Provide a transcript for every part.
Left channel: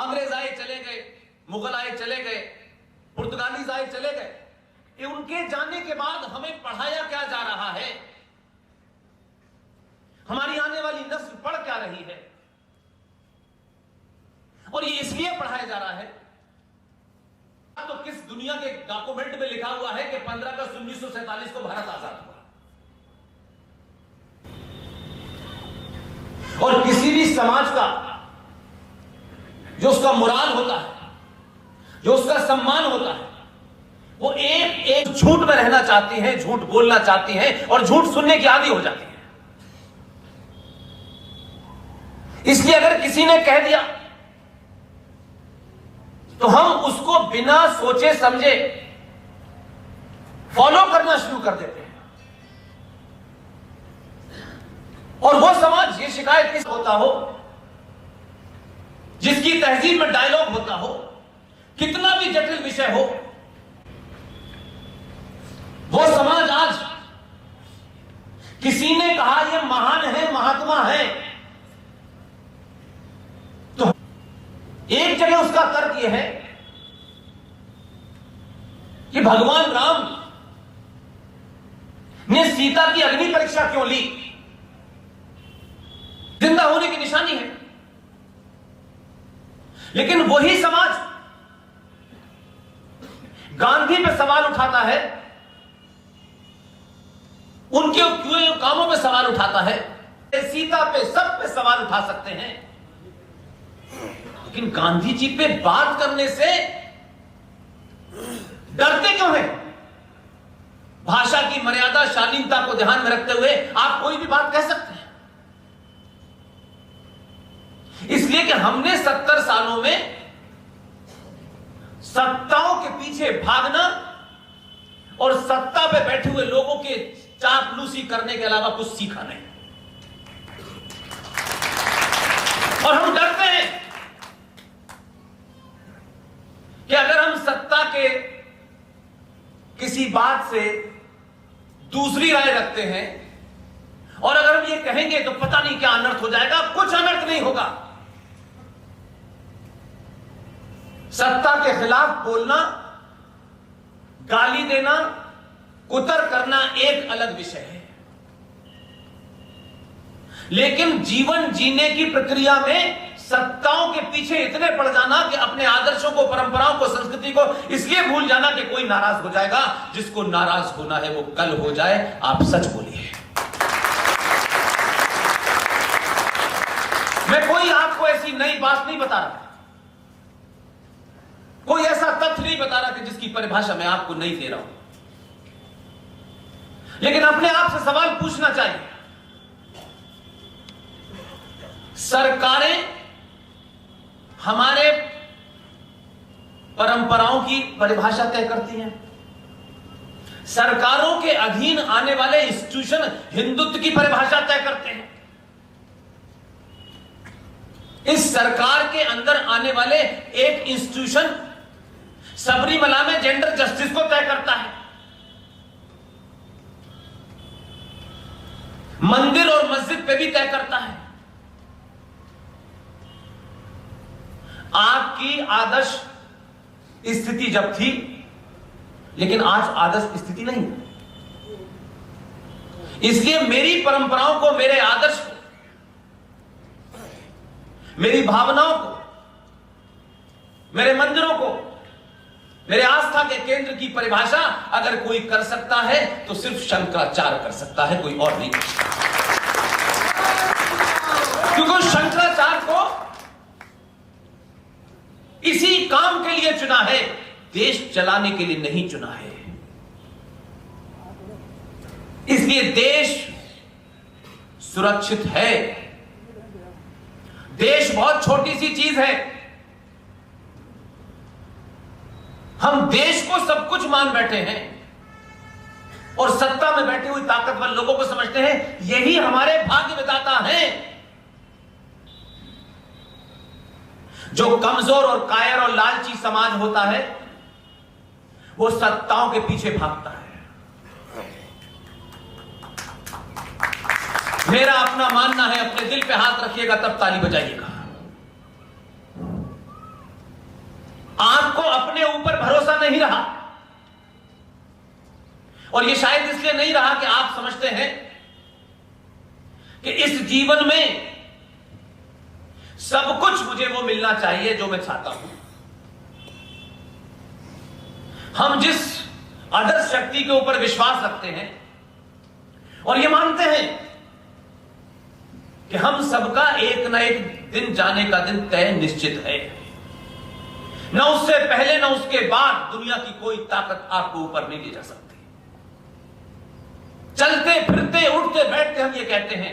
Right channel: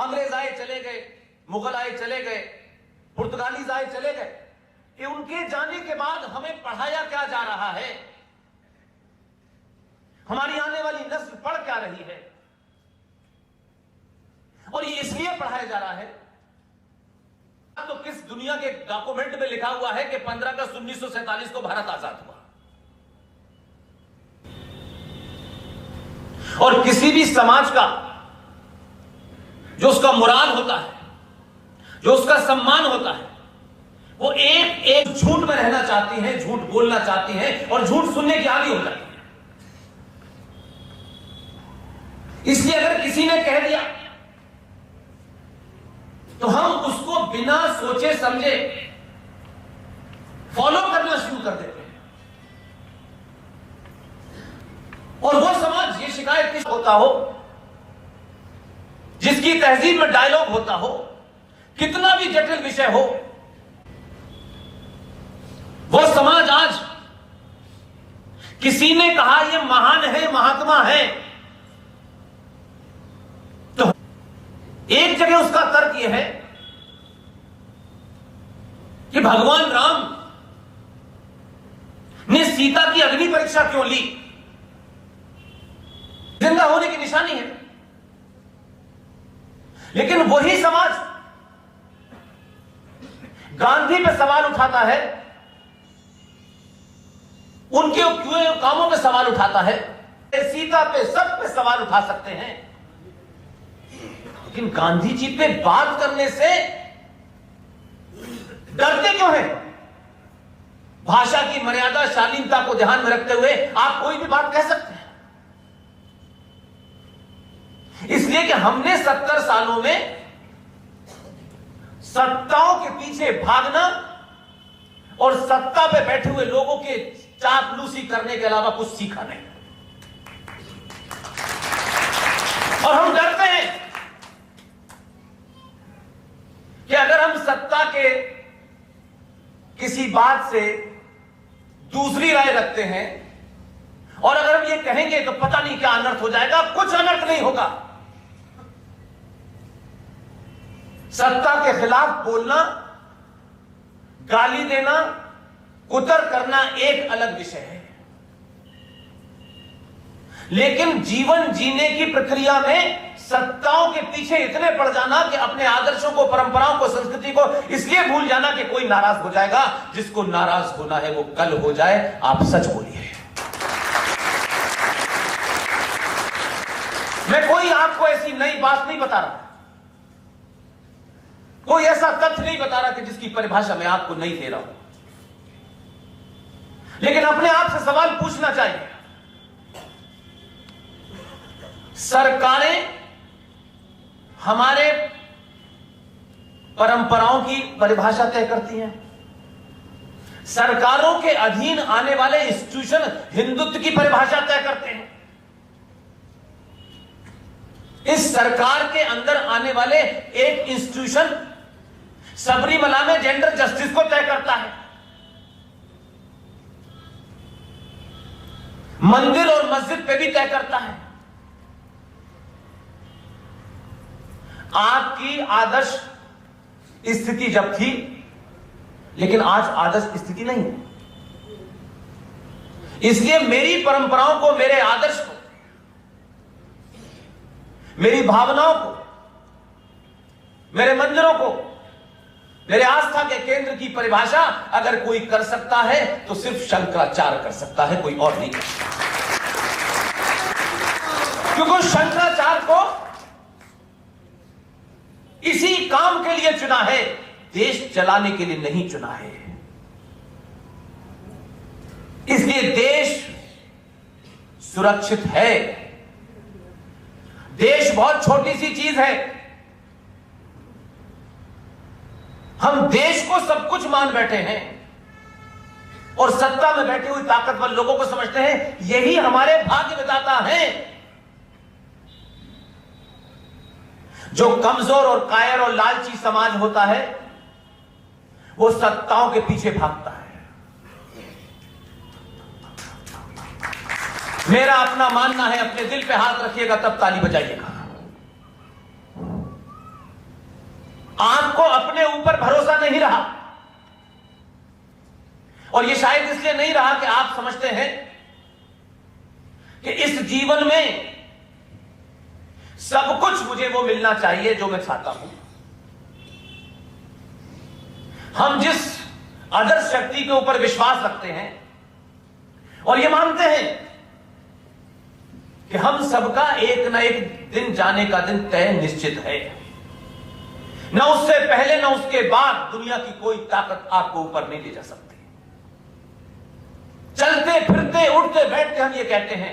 अंग्रेज आए चले गए, मुगल आए चले गए, पुर्तगालीज आए चले गए, कि उनके जाने के बाद हमें पढ़ाया क्या जा रहा है, हमारी आने वाली नस्ल पढ़ क्या रही है। और ये इसलिए पढ़ाया जा रहा है, तो किस दुनिया के डॉक्यूमेंट में लिखा हुआ है कि 15 अगस्त 1947 को भारत आजाद हुआ। और किसी भी समाज का जो उसका मोराल होता है, जो उसका सम्मान होता है, वो एक एक झूठ में रहना चाहती हैं, झूठ बोलना चाहती हैं और झूठ सुनने की आदी हो जाती है। इसलिए अगर किसी ने कह दिया तो हम उसको बिना सोचे समझे फॉलो करना शुरू कर देते हैं। और वो समाज, ये शिकायत किस होता हो जिसकी तहजीब में डायलॉग होता हो, कितना भी जटिल विषय हो, वो समाज आज किसी ने कहा ये महान है, महात्मा है, तो एक जगह उसका तर्क यह है कि भगवान राम ने सीता की अग्नि परीक्षा क्यों ली, जिंदा होने की निशानी है। लेकिन वही समाज गांधी पे सवाल उठाता है, उनके क्यों कामों पे सवाल उठाता है, सीता पे, सब पे सवाल उठा सकते हैं, लेकिन गांधी जी पे बात करने से डरते क्यों हैं? भाषा की मर्यादा, शालीनता को ध्यान में रखते हुए आप कोई भी बात कह सकते हैं। इसलिए कि हमने 70 सालों में सत्ताओं के पीछे भागना और सत्ता पे बैठे हुए लोगों के चापलूसी करने के अलावा कुछ सीखा नहीं। और हम डरते हैं कि अगर हम सत्ता के किसी बात से दूसरी राय रखते हैं और अगर हम ये कहेंगे तो पता नहीं क्या अनर्थ हो जाएगा। कुछ अनर्थ नहीं होगा। सत्ता के खिलाफ बोलना, गाली देना, कुतर करना एक अलग विषय है, लेकिन जीवन जीने की प्रक्रिया में सत्ताओं के पीछे इतने पड़ जाना कि अपने आदर्शों को, परंपराओं को, संस्कृति को इसलिए भूल जाना कि कोई नाराज हो जाएगा। जिसको नाराज होना है वो कल हो जाए। आप सच बोलिए। मैं कोई आपको ऐसी नई बात नहीं बता रहा, कोई ऐसा तथ्य नहीं बता रहा कि जिसकी परिभाषा मैं आपको नहीं दे रहा हूं, लेकिन अपने आप से सवाल पूछना चाहिए। सरकारें हमारे परंपराओं की परिभाषा तय करती हैं। सरकारों के अधीन आने वाले इंस्टीट्यूशन हिंदुत्व की परिभाषा तय करते हैं। इस सरकार के अंदर आने वाले एक इंस्टीट्यूशन सबरीमला में जेंडर जस्टिस को तय करता है। मंदिर और मस्जिद पे भी तय करता है। आपकी आदर्श स्थिति जब थी, लेकिन आज आदर्श स्थिति नहीं है। इसलिए मेरी परंपराओं को, मेरे आदर्श को, मेरी भावनाओं को, मेरे मंदिरों को, मेरे आस्था के केंद्र की परिभाषा अगर कोई कर सकता है तो सिर्फ शंकराचार्य कर सकता है, कोई और नहीं कर सकता। क्योंकि शंकराचार्य को इसी काम के लिए चुना है, देश चलाने के लिए नहीं चुना है। इसलिए देश सुरक्षित है। देश बहुत छोटी सी चीज है। हम देश को सब कुछ मान बैठे हैं और सत्ता में बैठे हुए ताकतवर लोगों को समझते हैं यही हमारे भाग्य विधाता हैं। जो कमजोर और कायर और लालची समाज होता है वो सत्ताओं के पीछे भागता है। मेरा अपना मानना है, अपने दिल पे हाथ रखिएगा तब ताली बजाइएगा। आपको अपने ऊपर भरोसा नहीं रहा, और ये शायद इसलिए नहीं रहा कि आप समझते हैं कि इस जीवन में सब कुछ मुझे वो मिलना चाहिए जो मैं चाहता हूं। हम जिस आदर्श शक्ति के ऊपर विश्वास रखते हैं और ये मानते हैं कि हम सबका एक ना एक दिन जाने का दिन तय निश्चित है, न उससे पहले न उसके बाद दुनिया की कोई ताकत आपको ऊपर नहीं ले जा सकती। चलते फिरते उठते बैठते हम ये कहते हैं,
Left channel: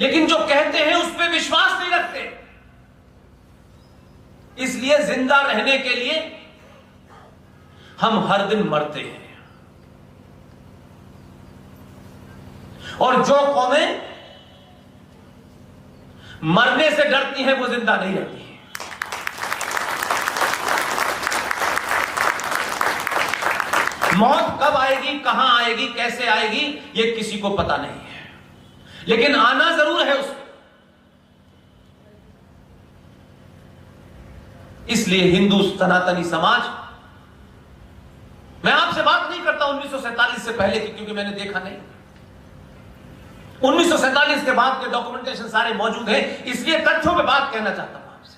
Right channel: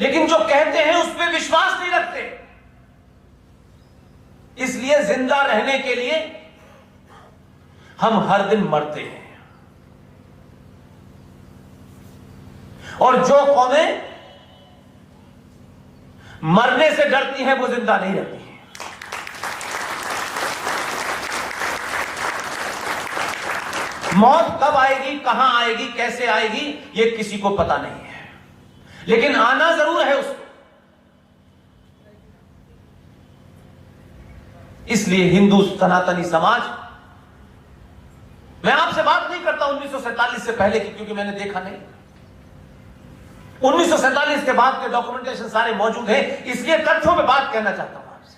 लेकिन जो कहते हैं उस पर विश्वास नहीं रखते। इसलिए जिंदा रहने के लिए हम हर दिन मरते हैं, और जो कौमें मरने से डरती हैं वो जिंदा नहीं रहती। मौत कब आएगी, कहां आएगी, कैसे आएगी, ये किसी को पता नहीं है, लेकिन आना जरूर है उसको। इसलिए हिंदू सनातनी समाज, मैं आपसे बात नहीं करता 1947 से पहले की, क्योंकि मैंने देखा नहीं। 1947 के बाद के डॉक्यूमेंटेशन सारे मौजूद हैं, इसलिए तथ्यों पे बात कहना चाहता हूं आपसे।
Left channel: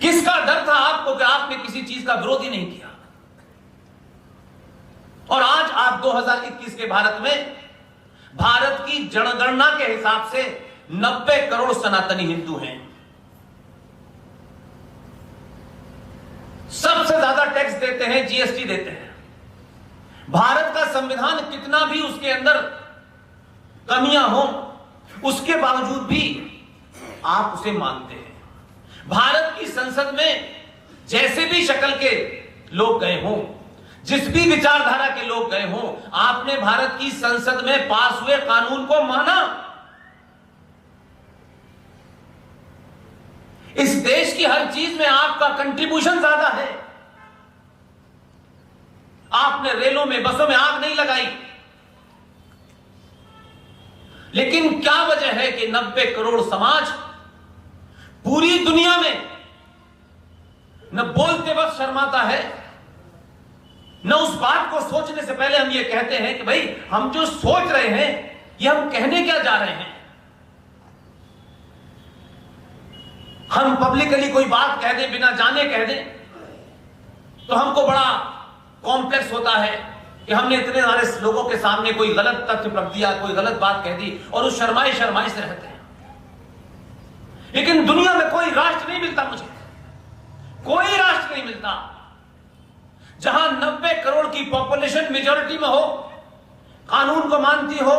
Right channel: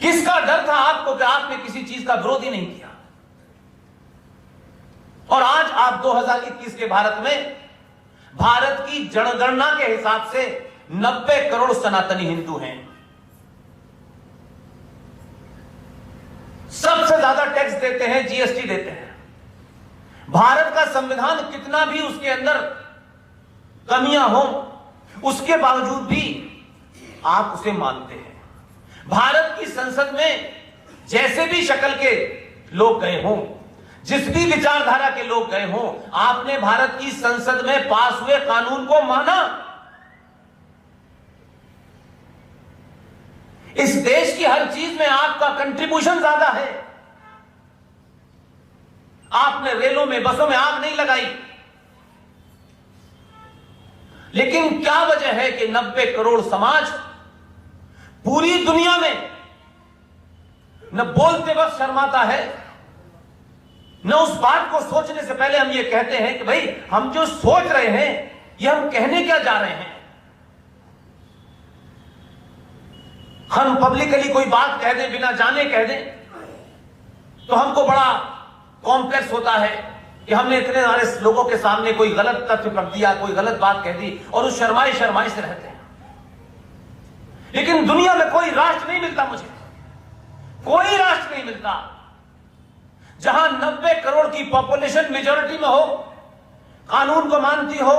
किसका डर था आपको कि आपने किसी चीज का विरोध ही नहीं किया, और आज आप 2021 के भारत में, भारत की जनगणना के हिसाब से 90 करोड़ सनातनी हिंदू हैं। सबसे ज्यादा टैक्स देते हैं, जीएसटी देते हैं। भारत का संविधान कितना भी उसके अंदर कमियां हो, उसके बावजूद भी आप उसे मानते हैं। भारत की संसद में जैसे भी शक्ल के लोग गए हों, जिस भी विचारधारा के लोग गए हों, आपने भारत की संसद में पास हुए कानून को माना। इस देश की हर चीज में आपका कंट्रीब्यूशन ज्यादा है। आपने रेलों में, बसों में आग नहीं लगाई, लेकिन क्या वजह है कि 90 करोड़ समाज पूरी दुनिया में न बोलते वक्त शर्माता है, न उस बात को सोचने से पहले हम ये कहते हैं कि भाई हम जो सोच रहे हैं ये हम कहने क्या जा रहे हैं। हम पब्लिकली कोई बात कह दें, बिना जाने कह दें, तो हमको बड़ा कॉम्प्लेक्स होता है कि हमने इतने सारे लोगों के सामने कोई गलत तथ्य रख दिया, कोई गलत बात कह दी, और उस शर्माई से रहते हैं। लेकिन दुनिया में कोई राष्ट्र नहीं मिलता मुझे, कोई राष्ट्र नहीं मिलता जहां 90 करोड़ की पॉपुलेशन मेजॉरिटी में हो, कानून को मानती हो,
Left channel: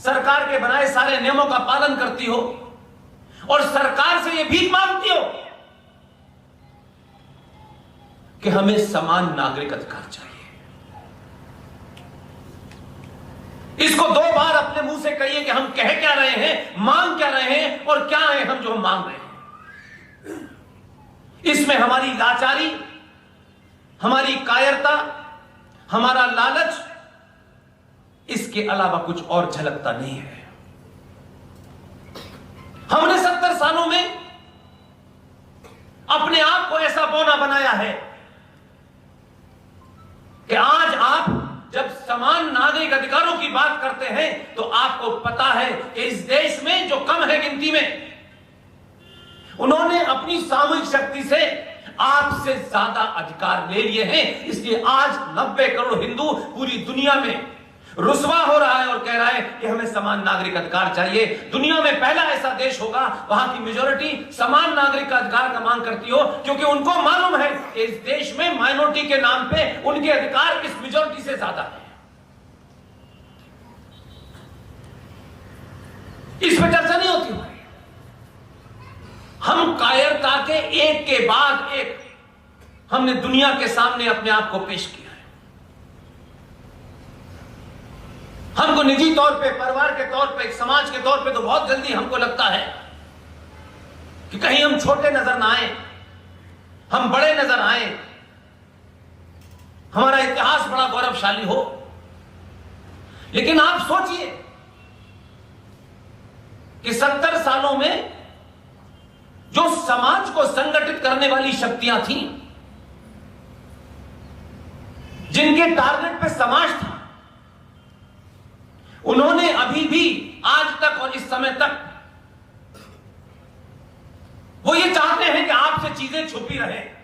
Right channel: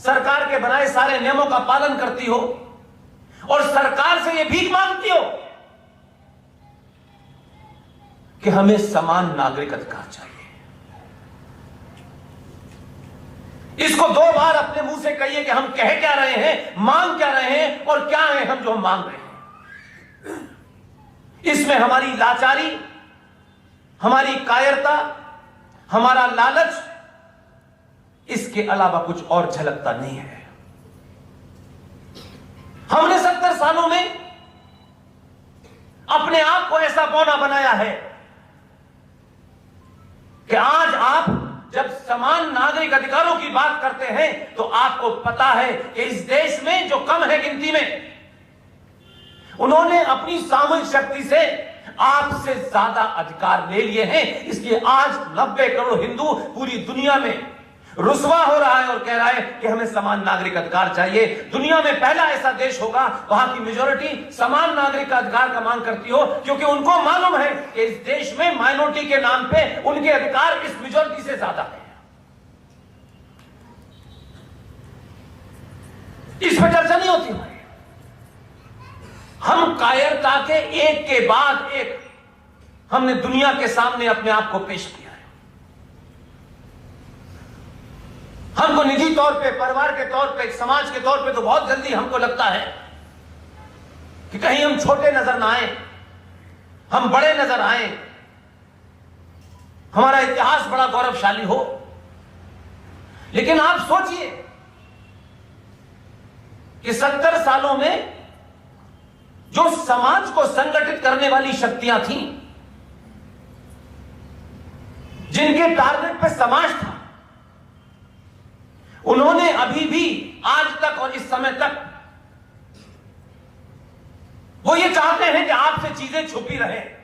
सरकार के बनाए सारे नियमों का पालन करती हो, और सरकार से यह भीख मांगती हो कि हमें समान नागरिक अधिकार चाहिए। इसको 2 बार अपने मुंह से कहिए कि हम कह क्या रहे हैं, मांग क्या रहे हैं, और क्या है हम जो हम मांग रहे हैं। इसमें हमारी लाचारी, हमारी कायरता, हमारा लालच, इसके अलावा कुछ और झलकता नहीं है। हमने 70 सालों में अपने आप को ऐसा बौना बनाया है कि आज आप जब समान नागरिक अधिकारों की बात करते हैं तो आपको पता है कि इस देश में जो कम है गिनती में, उन्होंने अपनी सामूहिक शक्ति से आपसे ज्यादा अधिकार ले लिए हैं। इसलिए आज 90 करोड़ हिंदू पूरी दुनिया में रुस्वा हो रहा है और कह रहा है कि हमें समान नागरिक अधिकार चाहिए। दुनिया में पहला ऐसा देश होगा वहां की मेजॉरिटी समान नागरिक अधिकार का मांग करती हो, क्योंकि उनको मालूम है कि इस देश में माइनॉरिटी के नाम पे उनके अधिकार इस मेजॉरिटी से ज्यादा है। इस पर चर्चा नहीं होती। हम कायरता के एक के बाद एक हमने दुनिया के सामने अपने आप को पेश किया है। हमको निजी तौर पे, परिवार के तौर पे, समाज के तौर पे तो बहुत जल्दी हमको लगता है कि कहीं हम छोटे नजर ना आए, हम बड़े नजर आए, हमारा इतिहास बड़ा गौरवशाली हो। लेकिन आप सोचिए कि 70 सालों में जो समाज को संगठित करने वाली शक्तियां थीं, जिनके टारगेट पे समाज था, उन्होंने अभी भी आज तक और इस समय तक वो ये चाहते हैं कि आपसे चीजें छुपी रहें।